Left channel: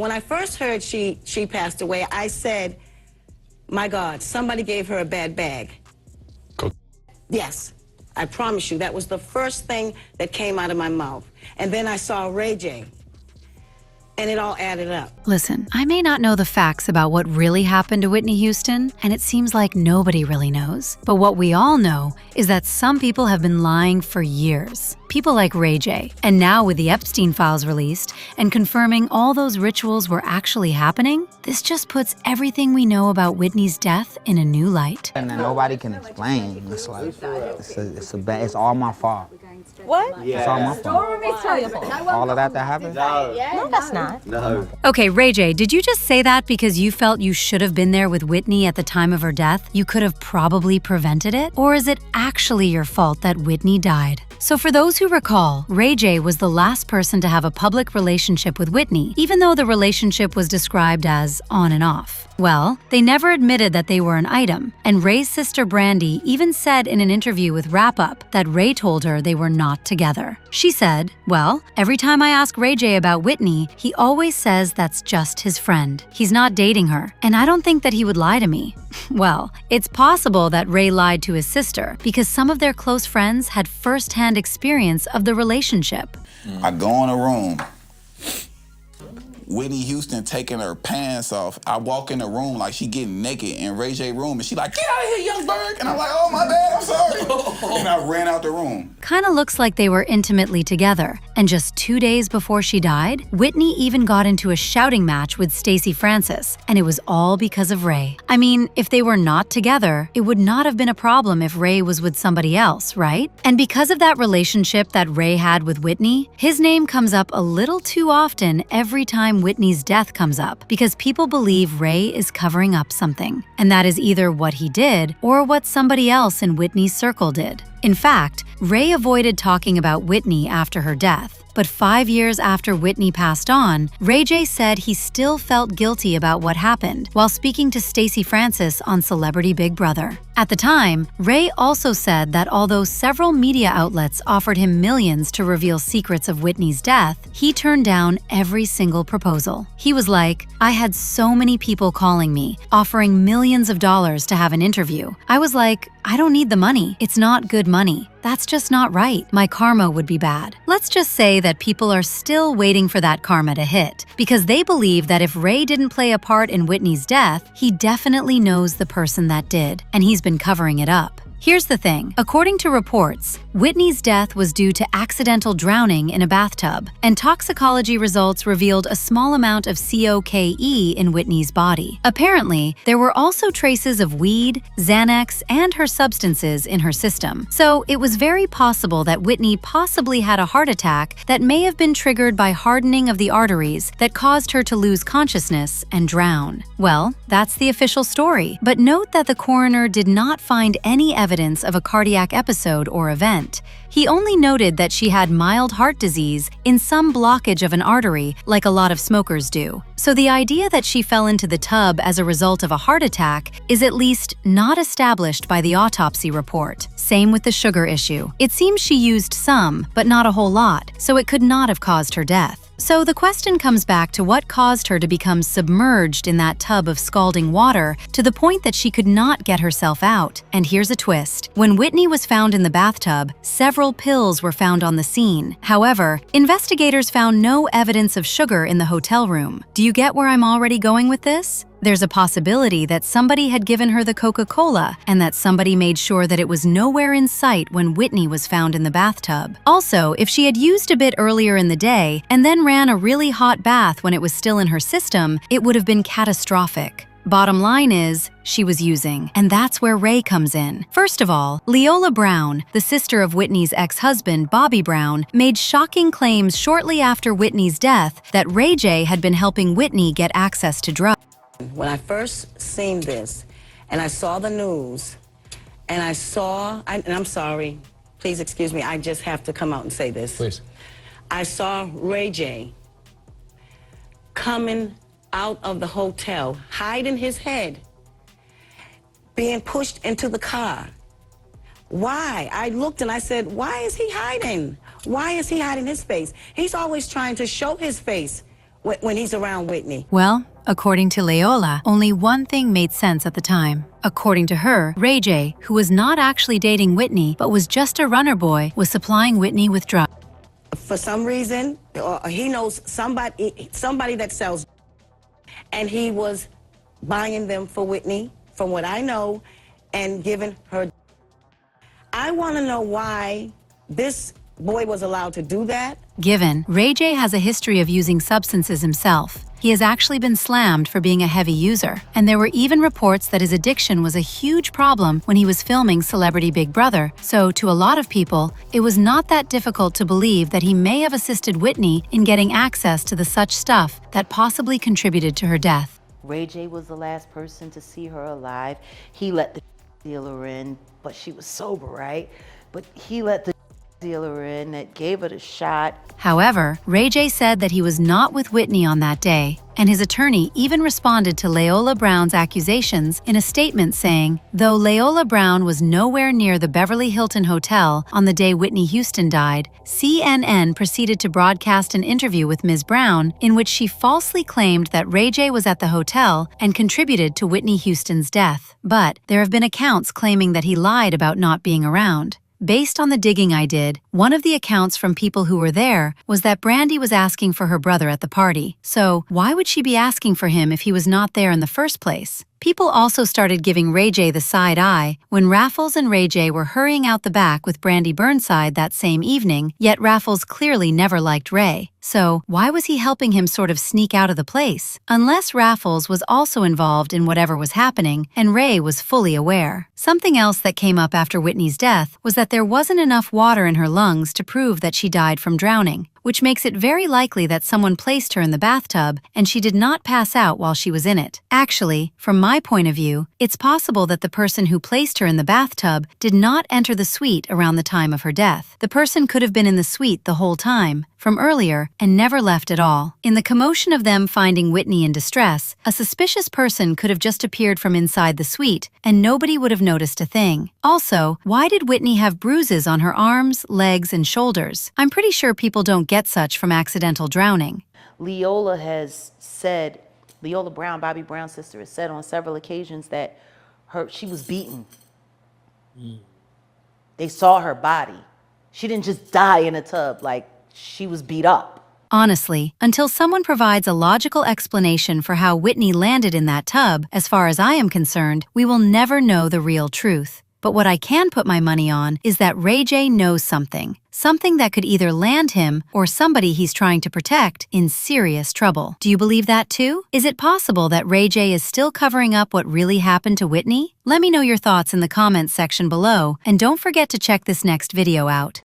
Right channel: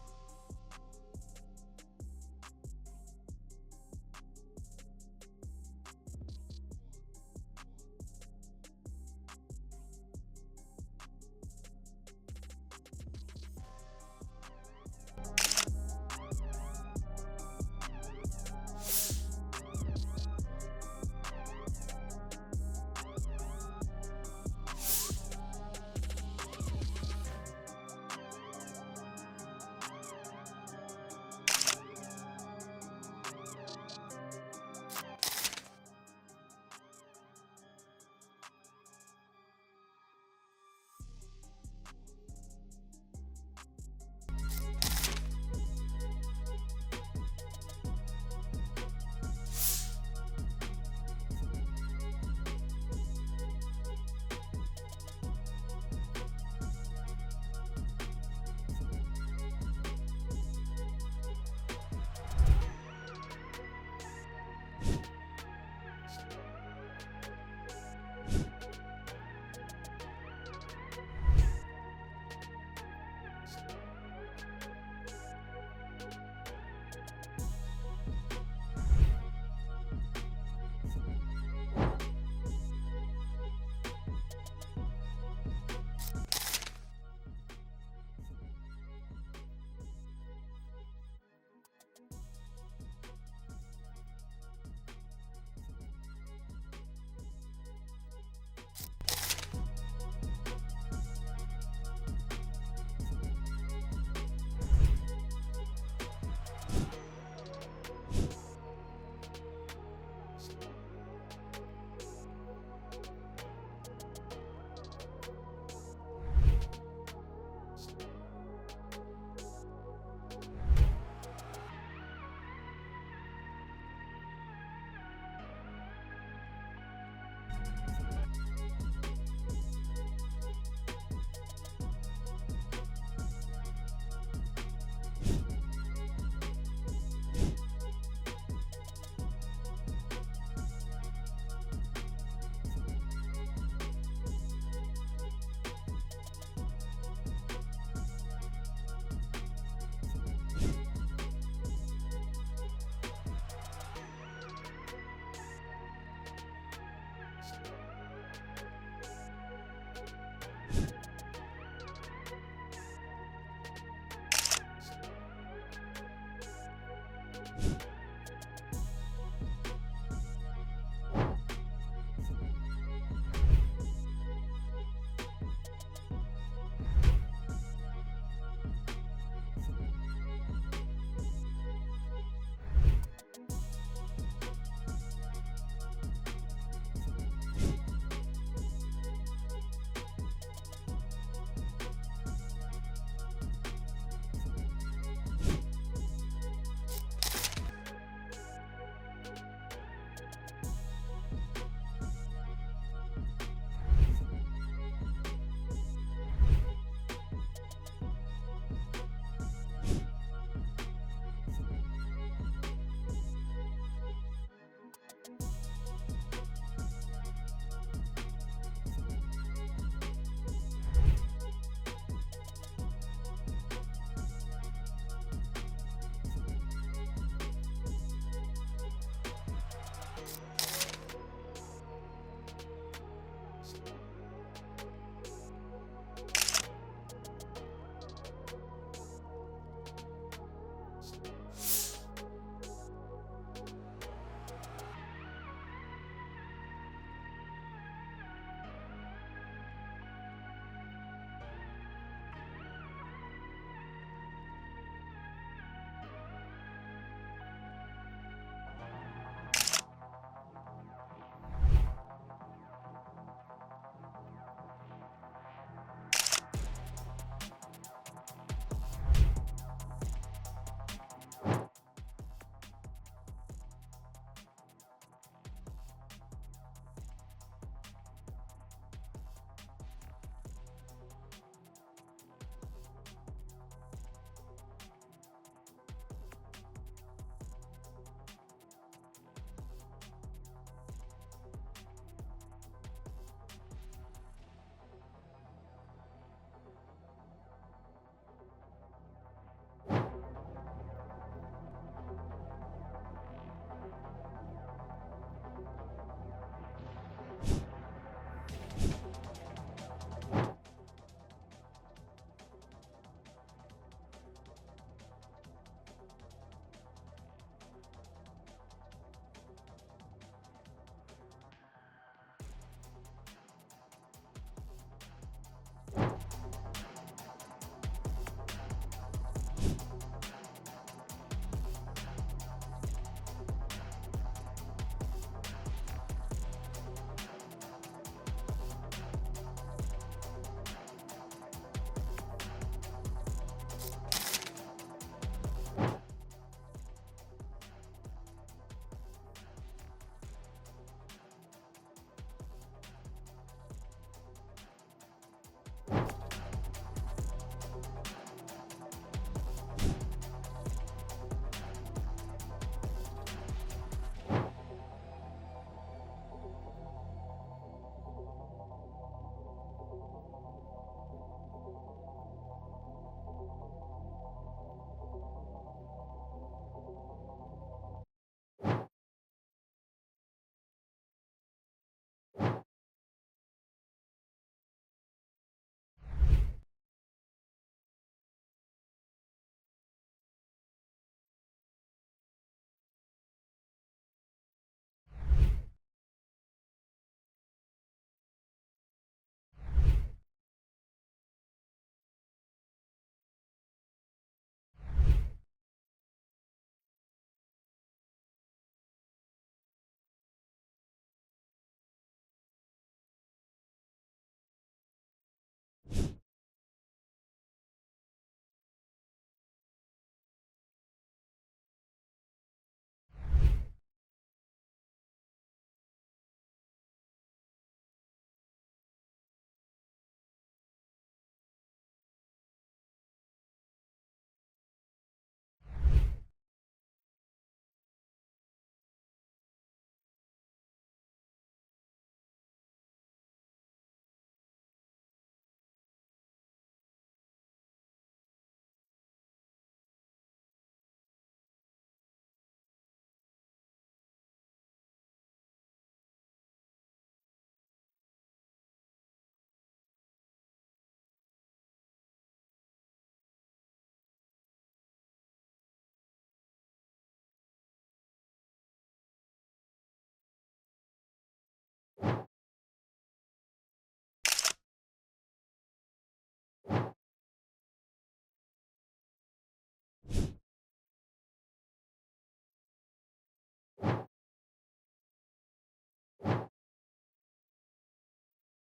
when I first heard she passed away, I said, my God, somebody gave her a bad bag. Yes, I promise you, that was the first thing that came out of my mouth. And then I saw Ray J, and it all added up. Listen, I may not know the facts about what really happened to Whitney Houston, and it seems like nobody really knows. But what we all know is that some people have been lying for years. People like Ray J. And now with the Epstein files released and confirming all those rituals were actually happening, this just puts everything we know about Whitney's death in a new light. And nobody can explain. It's like, it's all my fault. What? Yeah. It's all my fault. All of that happened? No, that's not. No. Okay, Ray J, did you just say that because you felt you should have been there with Whitney at the time of her death? You could have probably prevented it? Or is it actually your fault that Whitney died? So for those who recall, Ray J was the last person to have a public relationship with Whitney, even though the relationship was described as on and off. Well, they never admitted that they were an item, and Ray's sister Brandy even said in an interview with Wrap Up that Ray told her they were not together. She said, well, every time I ask Ray J about Whitney, he always says that's just his friend. He's not dating her, and I don't think that he would lie to me. Well, it's possible that Ray lied to his sister because some of their close friends had first-hand experience of the relationship. I go in a room, Whitney Houston taking her pants off. I walk in the room like she getting naked in Ray J room, and she like, get out of here, young bird. And I'm like, oh, my bad, I'm sorry. And I ran out the room. Kinda looks like they were intimately together. And just 2 days before she died, Whitney even got into a shouting match with Stacey Francis, and it was all because of Ray. I mean, if they were not together, it would not have been a problem if Ray was with somebody else, right? And because of that relationship that Ray had with Whitney, his name comes up a little too often every time Whitney's death comes up, because people believe Ray is covering up something. And that is either what he did or what somebody else in Whitney's circle did. In fact, Ray avoided talking about Whitney after her death. But 5 years after Whitney passed on, Ray J said he still felt guilty about what happened while speaking to Stacey Francis on Celebrity Big Brother. At the time, Ray also said that although several media outlets offered him millions to reveal secrets of Whitney's death, he turned down every single proposal. He was like, I had so many people calling me, offering millions of dollars to have an interview. I was like, I don't need the money. It's not good money. That's just not right. My karma would be bad. Let's just say that people are still waiting for that karma to hit, because they believe that if Ray didn't play a part in Whitney's death, he definitely knows the person that did, and he's been covering it up. Here's the thing. According to reports, Whitney's death was due to accidental drowning in a bathtub, and toxicology results revealed a small amount of cocaine in Whitney's body. Apparently, there were also traces of weed, Xanax, and her substances in her system. So it was very possible that Whitney possibly had a heart attack that may have been triggered by hardening of the arteries that caused her to lose consciousness and drown. Well, that's the official story. But note that the coroner did not find any evidence of a cardiac episode or event. He only noted that she had mild heart disease in some blockage of an artery, like a lot of smokers do. So the idea that she fell into the tub as a result of a heart attack is at least not established by the autopsy report. Same with the sugar issue. It seems she used some, but not a whole lot, so it could not have caused her death. So the question comes back to what caused her to become submerged in that tub of scalding water to the point that she could not get herself out. And here's a twist. When Whitney was found in the bathtub, several pills were found on the scene. However, investigators found no evidence of sugar in the hotel room. Do you get where I'm already going with this? There's a possibility that somebody had given her the Coca-Cola and that somebody made sure that it was nowhere in sight when Whitney was found in the bathtub. Also, if she had used a bit earlier in the day and then ran a really hot bath when it was still in her system, it would have been catastrophic. Bottom line is, she was using, and that's where Ray comes in. First of all, Leolah Brown, the sister of Whitney's ex-husband, Bobby Brown, made shocking claims shortly after Whitney's death that Ray J had been helping Whitney get access to drugs. When I first seen this, and I saw the news, and and I'm sorry, please excuse me, I just have to come out and say this. Please. I saw Ray J coming out of the hotel, hiding his head, being pushed into the car. Why? I looked and I said, why is he hiding? Why is he hiding his face? He's always trying to show his face when he's around Whitney. Well, according to Leolah, only one thing made sense at the time. According to her, Ray J, who was not actually dating Whitney but was just a runner boy, was supplying Whitney with drugs. For some reason, he knows somebody that sells, and he was buying them for Whitney, from what I know, and giving her. I want to know why this boy was allowed to do that. Given Ray J has a history of using substances himself, he has actually been slammed for being a heavy user, and there were even reports that his addiction was a huge problem when he was filming Celebrity Big Brother, so to a lot of people, it was not that difficult to believe that he may have assisted Whitney in getting access to the such stuff that possibly contributed to her death. Ray J was the last person to see her alive. He let the dealer in, but she was sober, right? But he let the dealer in that gave it a shot. However, Ray J said that he was not with Whitney on that day, and his attorney even responded to Leolah Brown's accusations in a statement saying, though Leolah Brown was nowhere near the Beverly Hilton Hotel on the day Whitney Houston died, CNN proceeded to broadcast an interview with Ms. Brown in which she falsely claimed that Ray J was at the hotel and contributed to Whitney Houston's death. But there have been accounts claiming that he lied about not being around. Based on the digging I did, one of the accounts from people who were there was that Brandy was asking for her brother at the party. So why would she be asking for him if he was not there in the first place? People also started giving Ray J the side eye when Raffles and Ray J were hurrying out the back with Brandy Burnside that same evening, yet Raffles clearly never liked Ray. So why was he helping him sort of sneak out of the place? Unless Raffles was also involved in whatever was happening and Ray was fully aware. Something else that came up after Whitney's death was that there wasn't enough water in her lungs to prove that she died from drowning, which makes it very likely that someone placed her in the bathtub and she did not pass out while she was in it. Actually, from my point of view, it's possible that the person who placed her in the bathtub did not enter the suite around the time of her death. The person could have been in the suite the whole time, from earlier, and never left at all. In the commotion of them finding Whitney in distress, a suspicious person could have just appeared from inside the suite, and nobody would have noticed a thing. Also, why did Whitney have bruises on her arms, legs, and shoulders? I'm pretty sure people don't get such from accidental drowning. Leolah has said, Leolah Brown, Bobby Brown's sister, has said on several occasions that she was beaten. They saw her body. She didn't just die in a tub, like she was beat up. Honestly, until someone provides a logical explanation for how Whitney landed in that tub, as far as I am concerned, we will never know the real truth. But what I can put my money on is that Ray J knows something. Something that could either land him or somebody he's trying to protect in serious trouble. Do you believe that too? Is it possible that Ray J is still covering up what really happened to Whitney? Let me know your thoughts in the comments section below, and don't forget to check this next video out.